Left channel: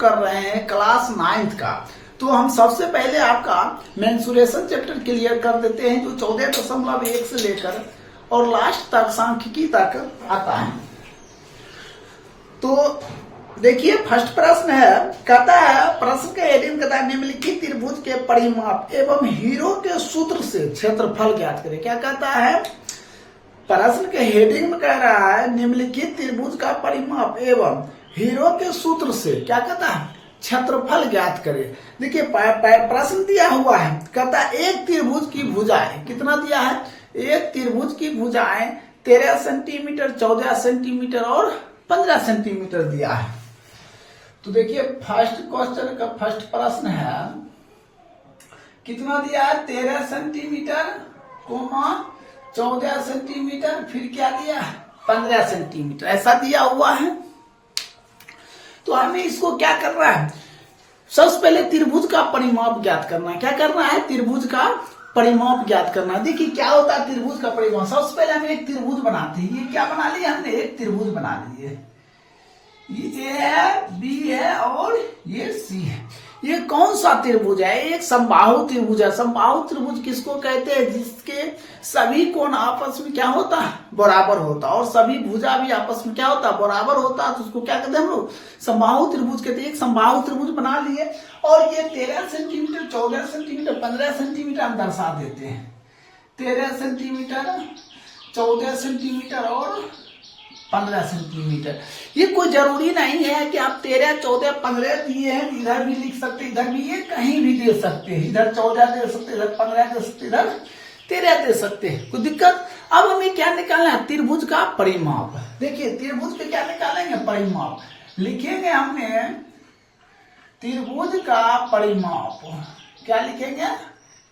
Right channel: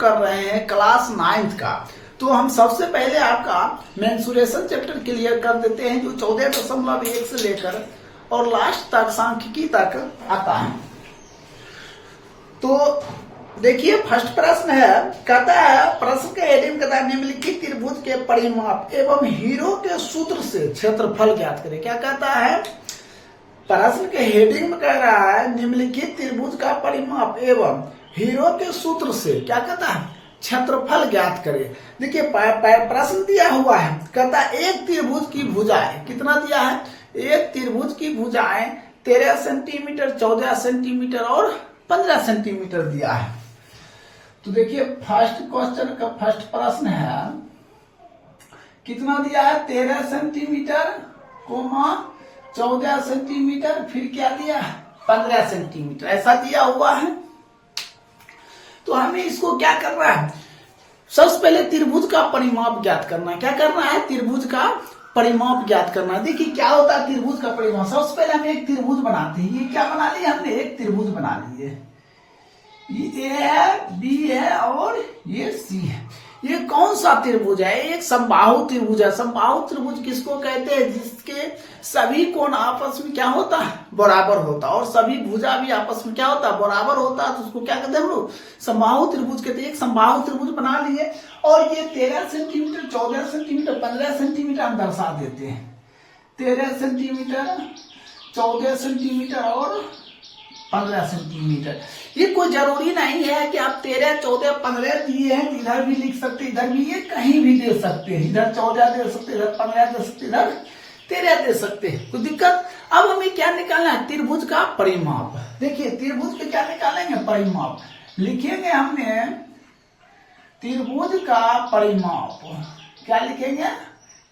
कर रहे हैं क्लास 9th का। तो हम सबसे पहले आपका मेंसुरेशन चैप्टर क्लियर कर देते हैं, जो 14.1 से लेकर और लास्ट तक सांख्यिकी तक आता है। तो देखिए फर्स्ट प्रश्न है, कहता है प्रश्न के हेडिंग कहता है निम्नलिखित त्रिभुज के परिमाप एवं हीरो के सूत्र से क्षेत्रफल ज्ञात करें। क्या कहता है, प्रश्न के हेडिंग में कह रहा है निम्नलिखित त्रिभुज का परिमाप एवं हीरो के सूत्र से क्या कहता है, क्षेत्रफल ज्ञात करें। देखिए प्रश्न दिया हुआ है, कहता है एक त्रिभुज की भुजाएं, कितना दिया है, एक त्रिभुज की भुजाएं 13 सेंटीमीटर, 14 सेंटीमीटर और 15 सेंटीमीटर दिया है। तो देखिए फर्स्ट क्वेश्चन का फर्स्ट प्रश्न है, कितना दिया है, 13 सेंटीमीटर, 14 सेंटीमीटर, फिर क्या दिया, 15 सेंटीमीटर, ऐसा दिया हुआ है। तो हमें इसको क्या करना है, सबसे पहले त्रिभुज का परिमाप ज्ञात करना है। क्या करना है, त्रिभुज का परिमाप ज्ञात करना है। देखिए क्या होता है त्रिभुज का परिमाप, सबसे पहले हम एक त्रिभुज बनाते हैं। ये क्या बना लिया हमने, एक त्रिभुज बना लिए। ये ए है, बी है और ये सी है। ये कौन सा त्रिभुज है, एक समबाहु त्रिभुज है। समबाहु त्रिभुज किसको कहते हैं, जिसके सभी कोण आपस में क्या होता है, बराबर होता है, और सभी भुजा भी आपस में क्या होता है, बराबर होता है। तो उसको क्या कहते हैं हम लोग, समबाहु त्रिभुज कहते हैं। एक समबाहु त्रिभुज बना लिए और ये 13 सेंटीमीटर, 14 सेंटीमीटर, 15 सेंटीमीटर हम दर्शा देते हैं। 13 सेंटीमीटर, 14 सेंटीमीटर और 15 सेंटीमीटर। ये कोई जरूरी नहीं है कि आप 13, 14, 15 दिए हैं, इधर भी लिख सकते, इधर भी, ये कहीं भी दे सकते हैं। इधर 14 दे सकते, इधर 15 दे सकते, इधर 13 दे सकते हैं, कोई दिक्कत। अब हमें क्या निकालना है, त्रिभुज का परिमाप। देखिए त्रिभुज के क्या निकालेंगे, परिमाप लिखेंगे हमने, त्रिभुज का परिमाप। क्या लिखेंगे,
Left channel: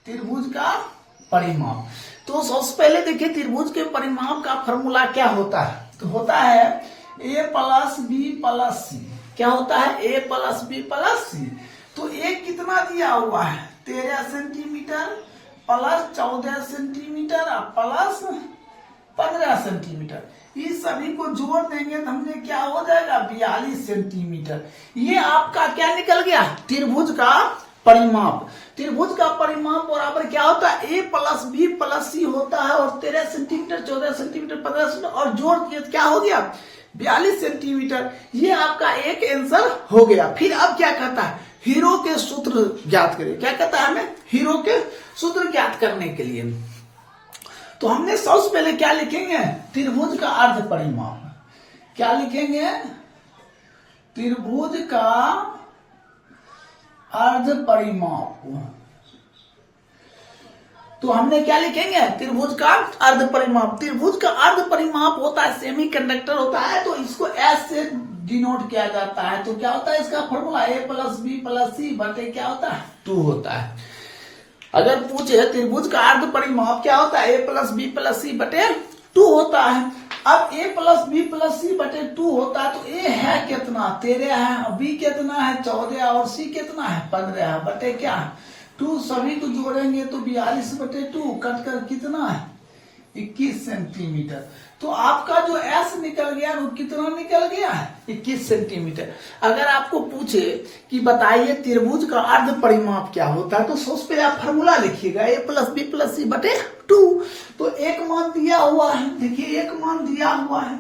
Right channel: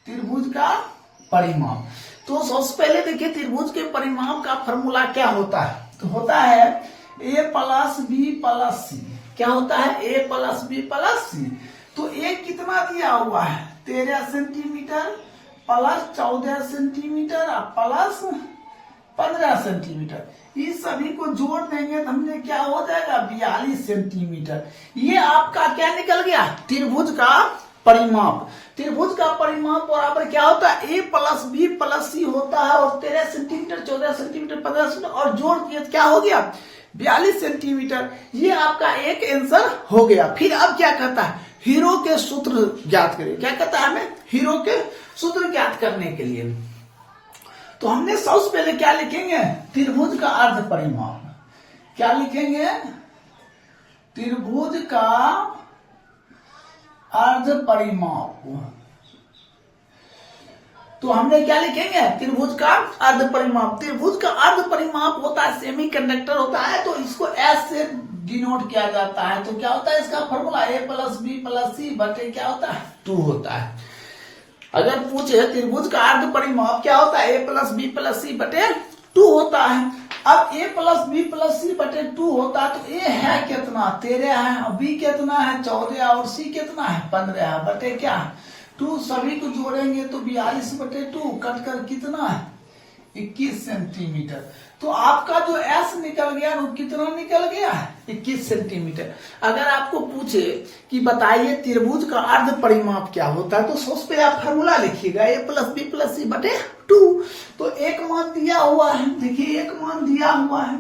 त्रिभुज का परिमाप। तो सबसे पहले देखिए त्रिभुज के परिमाप का फॉर्मूला क्या होता है, तो होता है a प्लस बी प्लस सी। क्या होता है, a प्लस बी प्लस सी। तो a कितना दिया हुआ है, 13 centimetre plus 14 centimetre plus 15 centimetre. इस सभी को जोड़ देंगे तो हमने क्या हो जाएगा, 42 सेंटीमीटर। ये आपका क्या निकल गया, त्रिभुज का परिमाप। त्रिभुज का परिमाप बराबर क्या होता है, a प्लस बी प्लस सी होता है, और 13 सेंटीमीटर, 14 सेंटीमीटर, 15 सेंटीमीटर और जोड़ दिए क्या हो गया, 42 सेंटीमीटर। ये आपका एक आंसर हो गया। फिर अब क्या कहता है, हीरो के सूत्र ज्ञात करें। क्या कहता है हमें, हीरो के सूत्र ज्ञात करने के लिए। तो हमने सबसे पहले क्या लिखेंगे, त्रिभुज का अर्ध परिमाप। क्या लिखेंगे, त्रिभुज का अर्ध परिमाप। तो हमने क्या लिखेंगे, त्रिभुज का अर्ध परिमाप। त्रिभुज का अर्ध परिमाप होता है, सेमी कंडक्टर होता है, तो इसको एस से डिनोट किया जाता है। तो क्या होता है इसका formula, a plus B plus C बटे क्या होता है, 2 होता है। अगर पूछे त्रिभुज का अर्ध परिमाप क्या होता है, a plus B plus C बटे 2 होता है। अब a plus B plus C बटे 2 होता है, तो a है कितना, 13 है, b कितना है, 14 और c कितना है, 15 है, बटे क्या है 2। सभी को जोड़ेंगे तो 42 बटे 2 कट कर कितना है, 21 सेंटीमीटर। तो आपका जो s निकल गया वो कितना निकल गया है, 21 सेंटीमीटर। अगर आपको पूछे कि बताइए त्रिभुज का अर्ध परिमाप क्या होता है, तो सबसे पहले आप फॉर्मूला लिखिएगा, a plus B plus C बटे 2। तो एक मान दिया हुआ है, देखिए एक मान दिया हुआ है,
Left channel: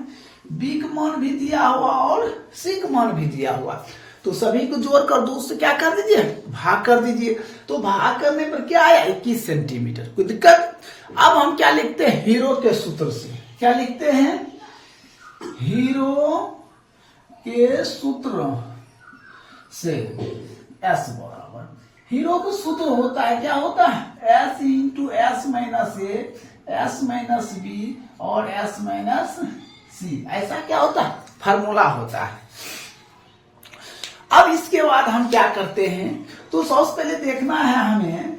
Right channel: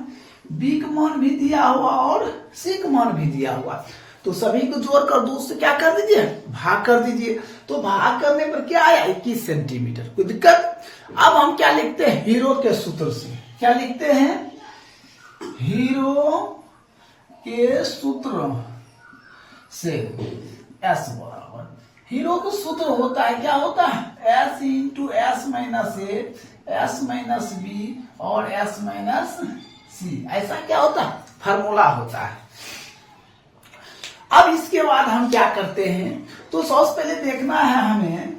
b का मान भी दिया हुआ और c का मान भी दिया हुआ है। तो सभी को जोड़कर 2 से क्या कर दीजिए, भाग कर दीजिए। तो भाग करने पर क्या आया, 21 सेंटीमीटर, कोई दिक्कत। अब हम क्या लिखते हैं, हीरो के सूत्र से। क्या लिखते हैं, हीरो के सूत्र से S बराबर, हीरो का सूत्र होता है, क्या होता है, S into S minus A, S minus B और S माइनस सी। ऐसा क्या होता है, फार्मूला होता है। अब इसके बाद हम क्या करते हैं, तो सबसे पहले देखना है हमें,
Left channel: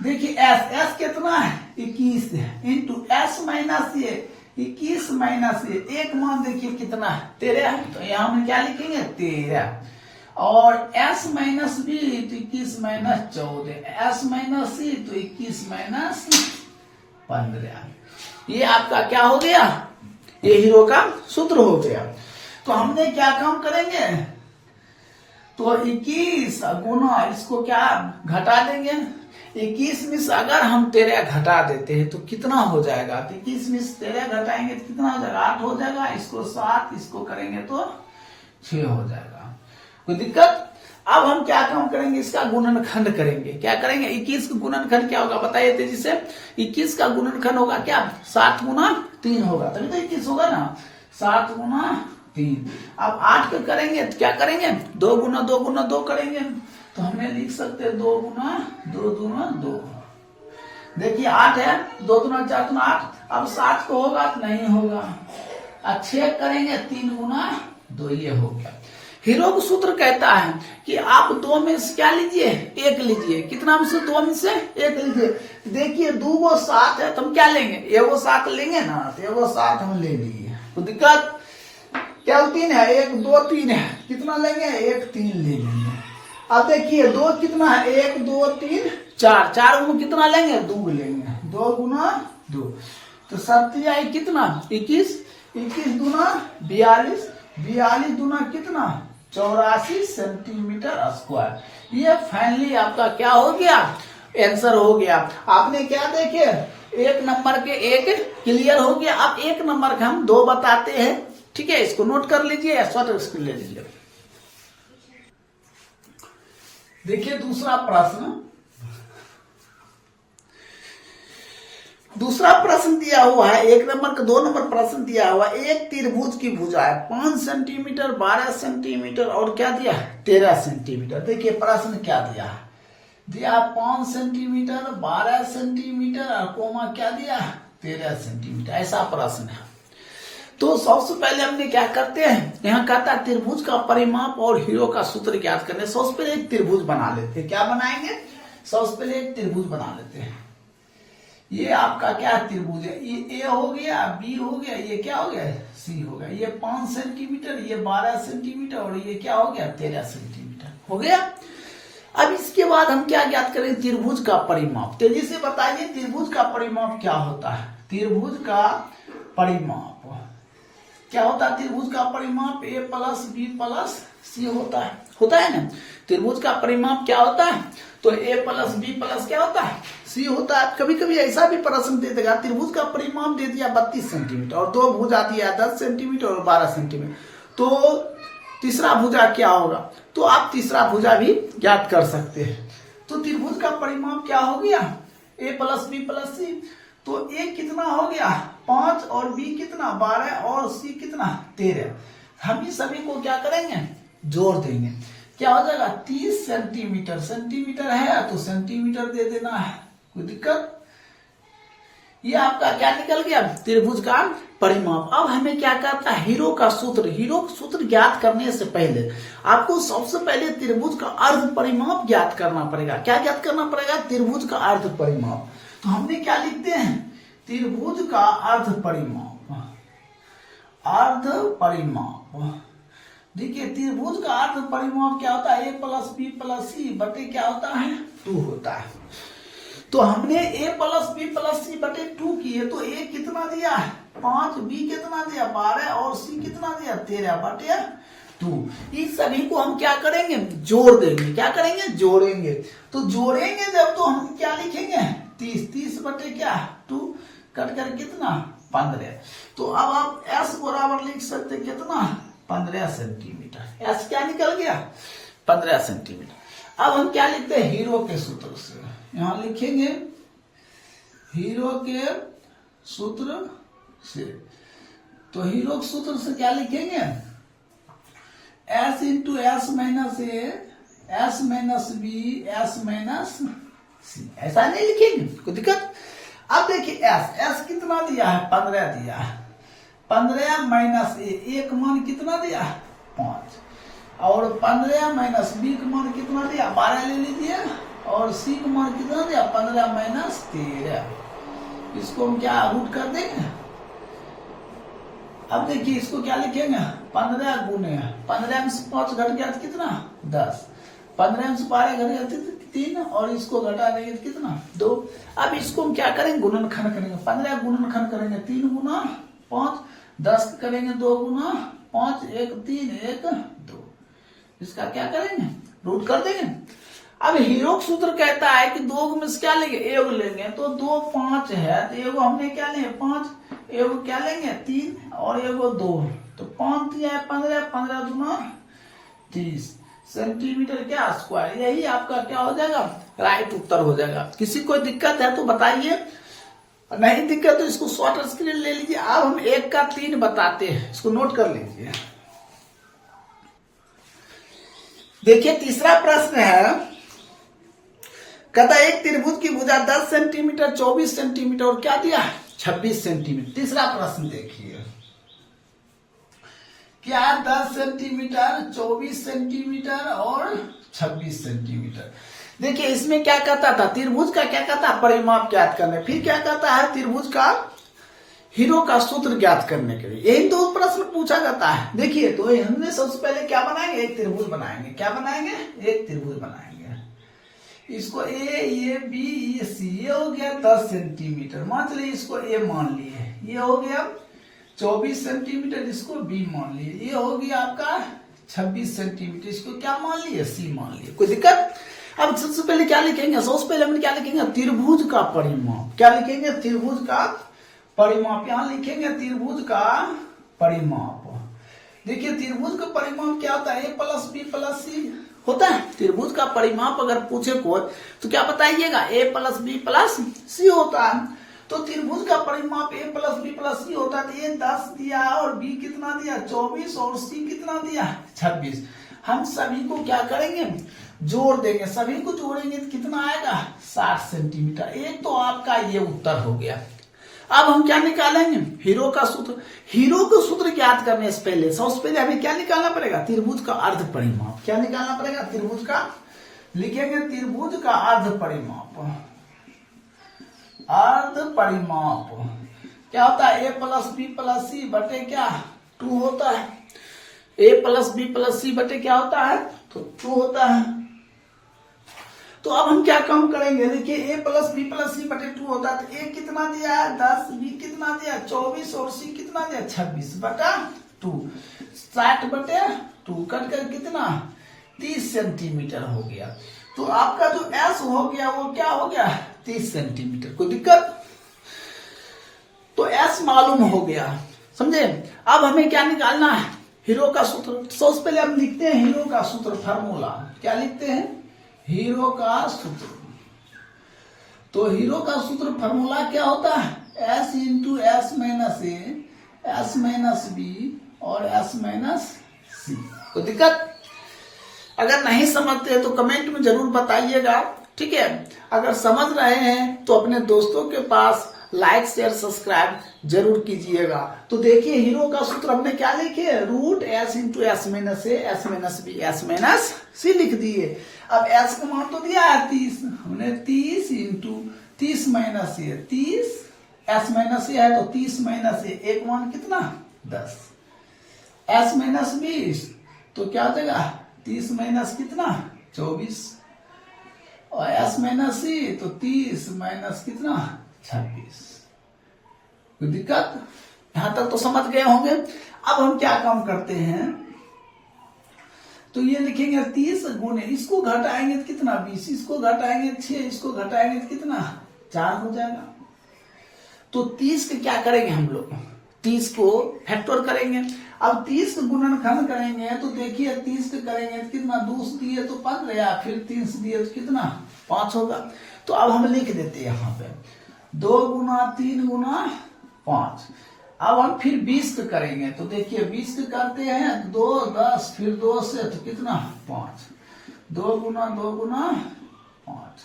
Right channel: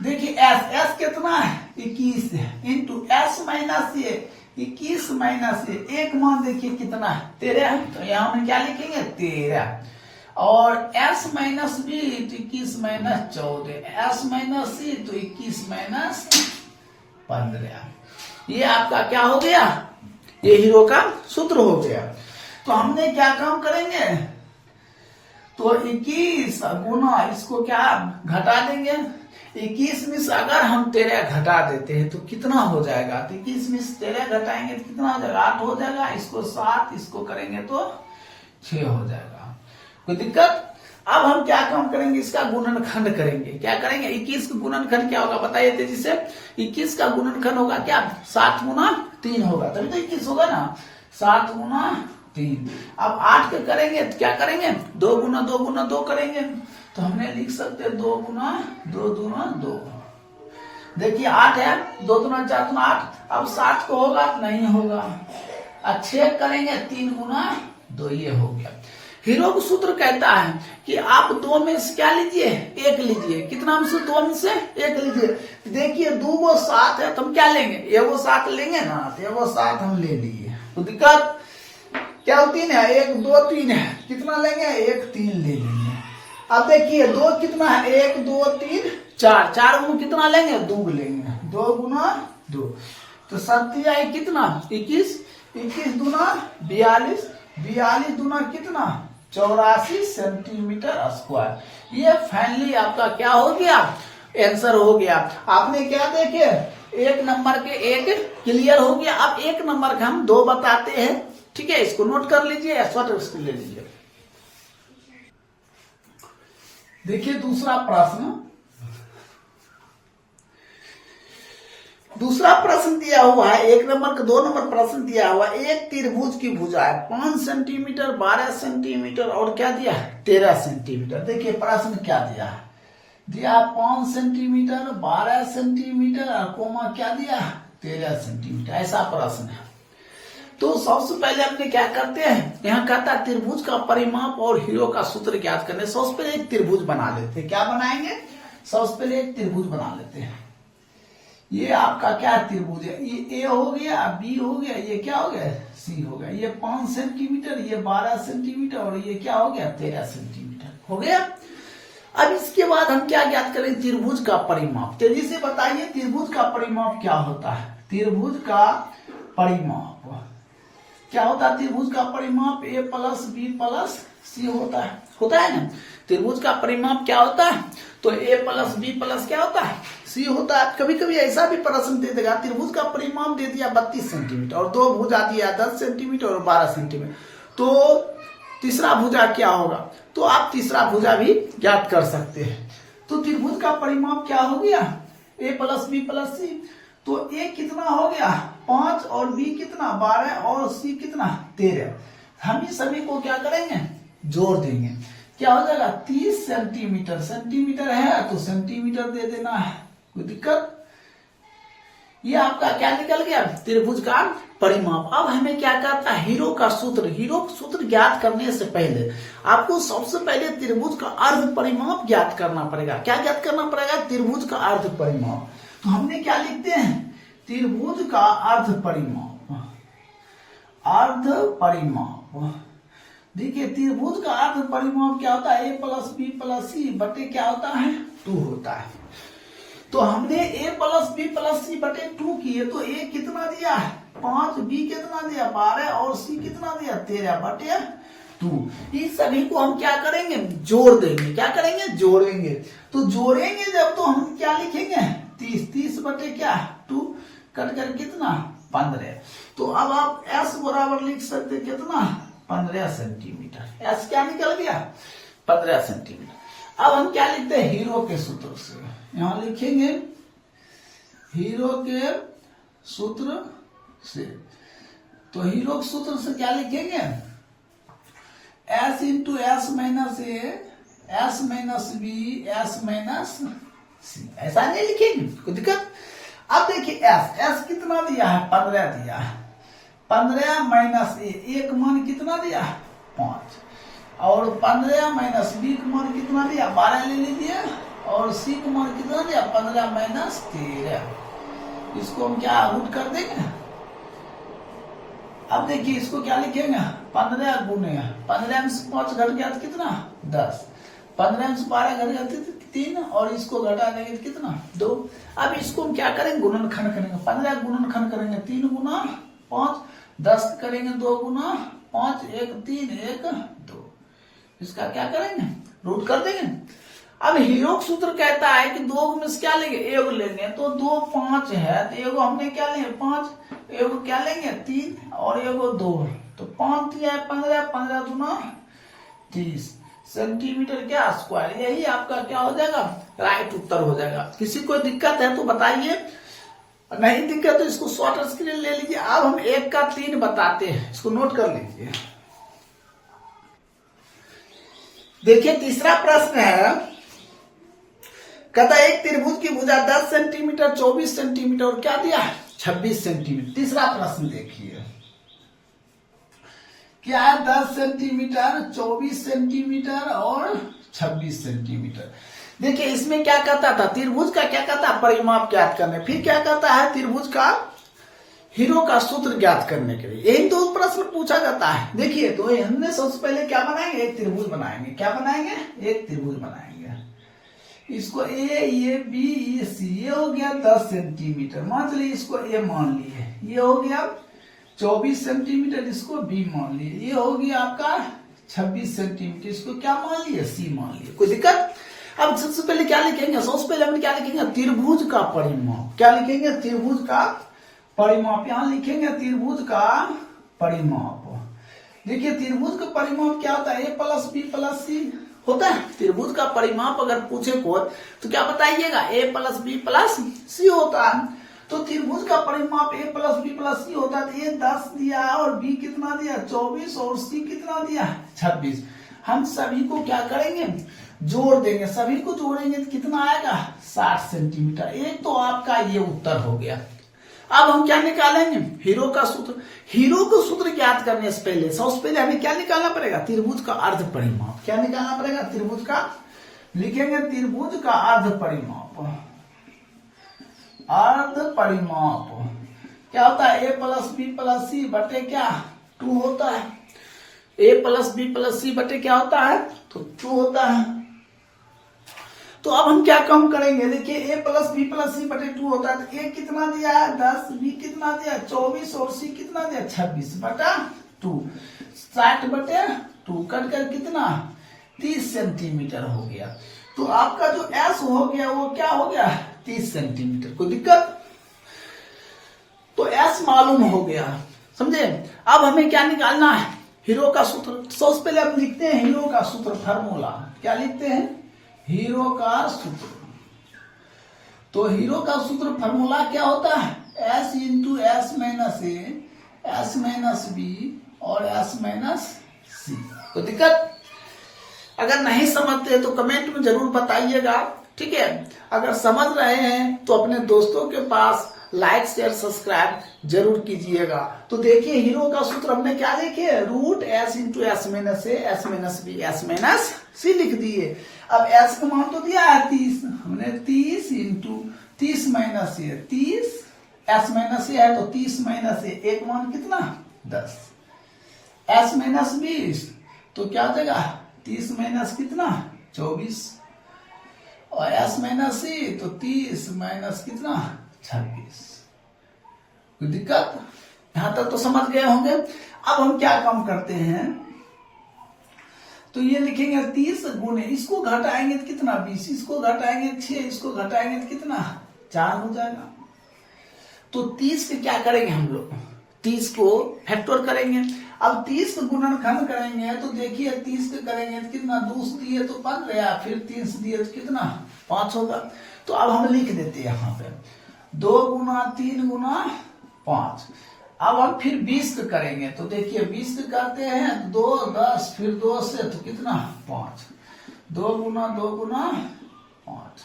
देखिए s कितना है, 21 है, इंटू एस माइनस ए, 21 माइनस ए, एक मान देखिए कितना है, 13 है। तो यहाँ हम क्या लिखेंगे, 13, और s माइनस बी तो 21 माइनस 14, s माइनस सी तो 21 माइनस 15। ये आपका क्या हो गया, ये हीरो का सूत्र हो गया। तो हमने क्या काम करेंगे, तो 21 गुना इसको क्या घटा देंगे, 21 में से अगर हम 13 घटा देते हैं तो कितना हो जाएगा, तो 21 में से 13 घटाएंगे तो कितना हो जाएगा, 8 हो जाएगा, इसको 7 इसको करेंगे तो 6 हो जाएगा। कोई दिक्कत। अब हम क्या काम करेंगे, इसका गुणनखंड करेंगे। क्या करेंगे, 21 का गुणनखंड क्या होगा बताइए तेजी से। 21 का गुणनखंड होगा क्या, 7 गुना 3 होगा, तभी तो 21 होगा ना, 7 गुना 3। अब 8 के करेंगे तो क्या करेंगे, 2 गुना 2 गुना 2 करेंगे, तो हमने लिख सकते हैं 2 गुना 2 गुना 2। देखिए 8 है, 2 गुना 4 गुना 8। अब 7 को होगा नहीं होगा, 6 करेंगे 3 गुना 2, ये हो गया। हीरो सूत्र कहता है कि आप 2 में से क्या लीजिए, 1 लीजिए। कितना में से, 2 में से 1 लीजिए। देखिए 2 को 7 है तो हम क्या लेंगे, 1 7 लेंगे ना, तो 1 7 हम ले लिए। तो दिक्कत क्या, 3 है, 1 2 3 है, कितना लेंगे, 1 3 ले लेंगे। अब देखिए 2 कितना है, 1 2 3 4, 4 गुना कितना लेंगे, 2 लेंगे, 2 गुना 2। तो 7 आई कितना, 21, 21 दूना 42, 42 दूना कितना, 84 सेंटीमीटर स्क्वायर। ये फाइनली आपका क्या हो गया, आंसर हो गया। आपने क्या देखे, 1 नंबर के 1 क्लियर हो गया। अब 1 नंबर का हम 2 बताते हैं, ठीक है, इसको नोट कर लीजिए, इसको ले लीजिए। देखिए दूसरा प्रश्न दिया हुआ है, 1 नंबर का 2 नंबर प्रश्न दिया हुआ है। एक त्रिभुज की भुजा है 5 सेंटीमीटर, 12 सेंटीमीटर और क्या दिया, 13 सेंटीमीटर। देखिए प्रश्न क्या दिया, 5 सेंटीमीटर, 12 सेंटीमीटर और कोमा क्या दिया, 13 सेंटीमीटर, ऐसा प्रश्न है। तो सबसे पहले हमने क्या करते हैं, यहाँ कहता है त्रिभुज का परिमाप और हीरो का सूत्र ज्ञात करने। सबसे पहले एक त्रिभुज बना लेते हैं। क्या बनाएंगे, सबसे पहले एक त्रिभुज बना लेते हैं। ये आपका क्या त्रिभुज है, ये ए हो गया, बी हो गया, ये क्या हो गया, सी हो गया। ये 5 सेंटीमीटर, ये 12 सेंटीमीटर और ये क्या हो गया, 13 सेंटीमीटर हो गया। अब इसके बाद हम क्या ज्ञात करें, त्रिभुज का परिमाप। तेजी से बताइए त्रिभुज का परिमाप क्या होता है। त्रिभुज का परिमाप क्या होता है, त्रिभुज का परिमाप ए प्लस बी प्लस सी होता है ना। त्रिभुज का परिमाप क्या होता है, तो ए प्लस बी प्लस क्या होता है, सी होता है। कभी कभी ऐसा भी प्रश्न दे देगा, त्रिभुज का परिमाप दे दिया 32 सेंटीमीटर और 2 भुजा दिया 10 सेंटीमीटर और 12 सेंटीमीटर, तो तीसरा भुजा क्या होगा, तो आप तीसरा भुजा भी ज्ञात कर सकते हैं। तो त्रिभुज का परिमाप क्या हो गया, ए प्लस बी प्लस सी। तो ए कितना हो गया 5 और बी कितना 12 और सी कितना 13। हम ही सभी को क्या करेंगे, जोड़ देंगे, क्या हो जाएगा 30 सेंटीमीटर। सेंटीमीटर है तो सेंटीमीटर दे देना है, कोई दिक्कत। ये आपका क्या निकल गया, त्रिभुज का परिमाप। अब हमें क्या करता है, हीरो का सूत्र ज्ञात करने से पहले आपको सबसे पहले त्रिभुज का अर्ध परिमाप ज्ञात करना पड़ेगा। क्या ज्ञात करना पड़ेगा, त्रिभुज का अर्ध परिमाप। तो हमने क्या लिखते हैं, त्रिभुज का अर्ध परिमाप। देखिए त्रिभुज का अर्ध परिमाप क्या होता है, ए प्लस बी प्लस सी बटे क्या होता है, 2 होता है। तो हमने ए प्लस बी प्लस सी बटे 2 किए, तो ए कितना दिया 5, बी कितना दिया 12 और सी कितना दिया 13 बटे 2। इस सभी को हम क्या करेंगे, जोड़ देंगे। क्या करेंगे, जोड़ेंगे। तो जोड़ेंगे जब, तो हम क्या लिखेंगे 30 बटे क्या 2 कट कर कितना 15। तो अब आप एस बराबर लिख सकते कितना 15 सेंटीमीटर। एस क्या निकल गया 15 सेंटीमीटर। अब हम क्या लिखते हैं, हीरो के सूत्र से। यहां लिखेंगे हीरो के सूत्र से। तो हीरो के सूत्र से क्या लिखेंगे, S into S minus A, S minus B, S minus C. ऐसा नहीं लिखेंगे, कोई दिक्कत। अब देखिए एस कितना दिया है 15 दिया है, 15 माइनस ए, एक मान कितना दिया 5 और 15 माइनस बी का मान कितना दिया 12 ले लीजिए और सी का मान कितना दिया 15 माइनस 13। इसको हम क्या रूट कर देंगे। अब देखिए इसको क्या लिखेंगे 15 गुने 15 में से 5 घट गया तो कितना 10, 15 में से 12 घट गया तो 3 और इसको घटा देंगे तो कितना 2। अब इसको हम क्या करेंगे, गुणनखंड करेंगे। 15 गुणनखंड करेंगे 3 गुना 5, 10 करेंगे 2 गुना 5, 1 3 1 2। इसका क्या करेंगे, रूट कर देंगे। अब हीरो सूत्र कहता है कि 2 में से क्या लेंगे, एगो लेंगे, तो 2 5 है, तो एगो हमने क्या लेंगे 5, एगो क्या लेंगे 3 और एगो 2, तो 5 दिया है 15, 15 दूना 30 सेंटीमीटर क्या स्क्वायर। यही आपका क्या हो जाएगा, राइट उत्तर हो जाएगा। किसी को दिक्कत है तो बताइए, नहीं दिक्कत तो इसको शॉर्ट स्क्रीन ले लीजिए। अब हम 1 का 3 बताते हैं, इसको नोट कर लीजिए। देखिए तीसरा प्रश्न है, कहता एक त्रिभुज की भुजा 10 सेंटीमीटर 24 सेंटीमीटर और क्या दिया 26 सेंटीमीटर। तीसरा प्रश्न देखिए क्या है, 10 सेंटीमीटर 24 सेंटीमीटर और 26 सेंटीमीटर। देखिए इसमें क्या कहता था, त्रिभुज का क्या कहता है, परिमाप ज्ञात करने। फिर क्या कहता है, त्रिभुज का हीरो का सूत्र ज्ञात करने के लिए। यही 2 प्रश्न पूछा जाता है। देखिए तो हमने सबसे पहले क्या बनाएंगे, एक त्रिभुज बनाएंगे। क्या बनाएंगे, एक त्रिभुज बनाएंगे। इसको ए बी ये सी, ये हो गया 10 सेंटीमीटर, मान चलिए इसको ए मान लिए। ये हो गया 24 सेंटीमीटर, इसको बी मान लिए। ये हो गया आपका 26 सेंटीमीटर, इसको क्या मान लिए, सी मान लिए। कोई दिक्कत। अब सबसे पहले क्या लिखेंगे, सबसे पहले हम क्या लिखेंगे, त्रिभुज का परिमाप। क्या लिखेंगे, त्रिभुज का परिमाप। यहां लिखेंगे त्रिभुज का परिमाप। देखिए त्रिभुज का परिमाप क्या होता है, ए प्लस बी प्लस सी होता है। त्रिभुज का परिमाप अगर पूछे को तो क्या बताइएगा, ए प्लस बी प्लस सी होता है। तो त्रिभुज का परिमाप ए प्लस बी प्लस सी होता है। तो ए 10 दिया और बी कितना दिया 24 और सी कितना दिया 26। हम सभी को क्या करेंगे, जोड़ देंगे। सभी को जोड़ेंगे तो कितना आएगा 60 सेंटीमीटर। एक तो आपका ये उत्तर हो गया। अब हम क्या निकालेंगे, हीरो का सूत्र। हीरो का सूत्र ज्ञात करने से पहले सबसे पहले हमें क्या निकालना पड़ेगा, त्रिभुज का अर्ध परिमाप। क्या निकालना पड़ेगा, त्रिभुज का, लिखेंगे त्रिभुज का अर्ध परिमाप। अर्ध परिमाप क्या होता है, ए प्लस बी प्लस सी बटे क्या 2 होता है। ए प्लस बी प्लस सी बटे क्या होता है, तो 2 होता है। तो अब हम क्या कम करेंगे, देखिए ए प्लस बी प्लस सी बटे 2 होता है। तो ए कितना दिया है 10, बी कितना दिया 24 और सी कितना दिया 26 बटा 2, 60 बटे 2 कटकर कितना 30 सेंटीमीटर हो गया। तो आपका जो एस हो गया वो क्या हो गया 30 सेंटीमीटर। कोई दिक्कत। तो एस मालूम हो गया, समझे। अब हमें क्या निकालना है, हीरो का सूत्र। सबसे पहले हम लिखते हैं हीरो का सूत्र, फार्मूला। क्या लिखते हैं, हीरो का सूत्र। तो हीरो का सूत्र फार्मूला क्या होता है, S into S minus A, S minus B और एस माइनस सी। कोई दिक्कत। अगर नहीं समझते तो कमेंट में जरूर बताइएगा, ठीक है। अगर समझ रहे हैं तो अपने दोस्तों के पास लाइक शेयर सब्सक्राइब जरूर कीजिएगा। तो देखिए हीरो का सूत्र हमने क्या लिखे, root S into S minus A, S minus B, S minus C लिख दिए। अब एस का मान तो दिया है 30, हमने 30 इंटू 30 माइनस ए, 30 एस माइनस ए है तो 30 माइनस ए, एक मान कितना 10, एस माइनस 20 तो क्या देगा 30 माइनस कितना 24 और एस माइनस सी तो 30 माइनस कितना 26। कोई दिक्कत, यहां तक तो समझ गए होंगे। अब हम क्या काम करते हैं, तो ये लिखेंगे 30 गुने, इसको घटाएंगे तो कितना 20, इसको घटाएंगे 6, इसको घटाएंगे तो कितना 4 हो जाएगा। तो 30 पे क्या करेंगे हम लोग, 30 को फैक्टर करेंगे। अब 30 का गुणनखंड करेंगे तो देखिए 30 का करेंगे तो कितना 2 दिए तो 15, फिर 3 दिए तो कितना 5 होगा। तो अब हम लिख देते हैं यहाँ पे 2 गुना 3 गुना 5। अब हम फिर 20 का करेंगे तो देखिए 20 का करते हैं 2 10 फिर 2 से तो कितना 5, 2 गुना 5।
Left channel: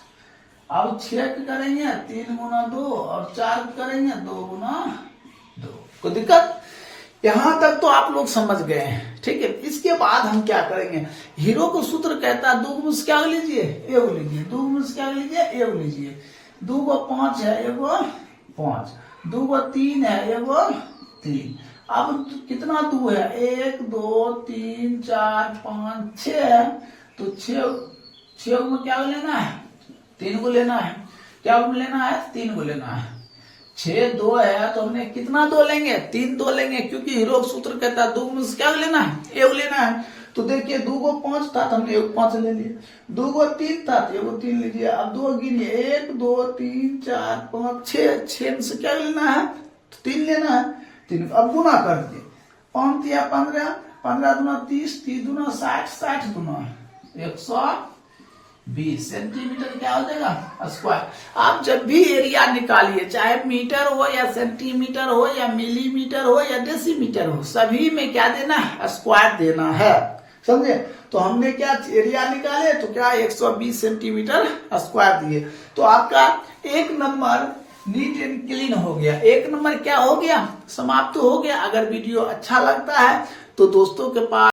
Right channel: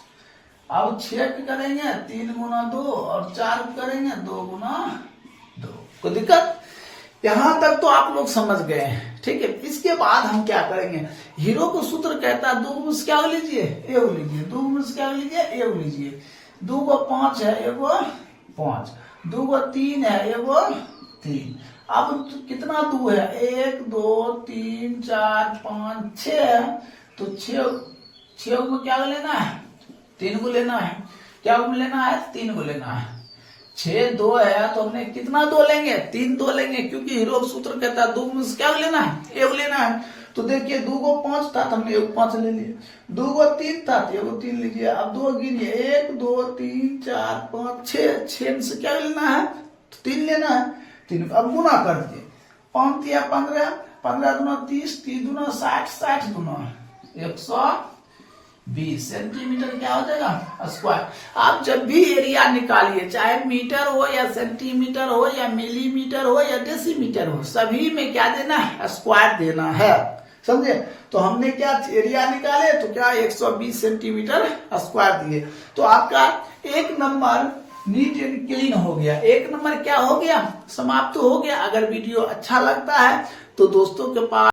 अब 6 का करेंगे 3 गुना 2 और 4 का करेंगे 2 गुना 2। कोई दिक्कत, यहां तक तो आप लोग समझ गए हैं, ठीक है। इसके बाद हम क्या करेंगे, हीरो को सूत्र कहता है 2 में से क्या लीजिए एगो लीजिए, 2 में से क्या लीजिए एगो लीजिए। 2 को 5 है एगो 5, 2 को 3 है एगो 3। अब कितना 2 है 1 2 3 4 5 6 है तो 6 में क्या लेना है 3 को लेना है। क्या लेना है 3 को लेना है। 6 2 है तो हमने कितना 2 लेंगे 3 2 लेंगे, क्योंकि हीरो सूत्र कहता है 2 में से क्या लेना है एगो लेना है। तो देखिए 2 को 5 था तो हमने 1 5 ले लिया, 2 को 3 था तो 1 3 लीजिए। अब 2 गिनिए, 1 2 3 4 5 6, 6 से क्या लेना है, 3 लेना है, 3। अब गुना कर दिए, 5 या 15, 15 दूना 30, 30 दूना 60, 60 दूना 120 सेंटीमीटर क्या हो जाएगा स्क्वायर। आप जब भी एरिया निकालिए, चाहे मीटर हो या सेंटीमीटर हो या मिलीमीटर हो या डेसीमीटर हो, सभी में क्या देना है, स्क्वायर देना है, समझे। तो हमने क्या एरिया निकाले तो क्या 120 सेंटीमीटर स्क्वायर दिए। तो आपका 1 नंबर नीट एंड क्लीन हो गया, 1 नंबर क्या हो गया, समाप्त हो गया। अगर वीडियो अच्छा लगता है तो दोस्तों के पास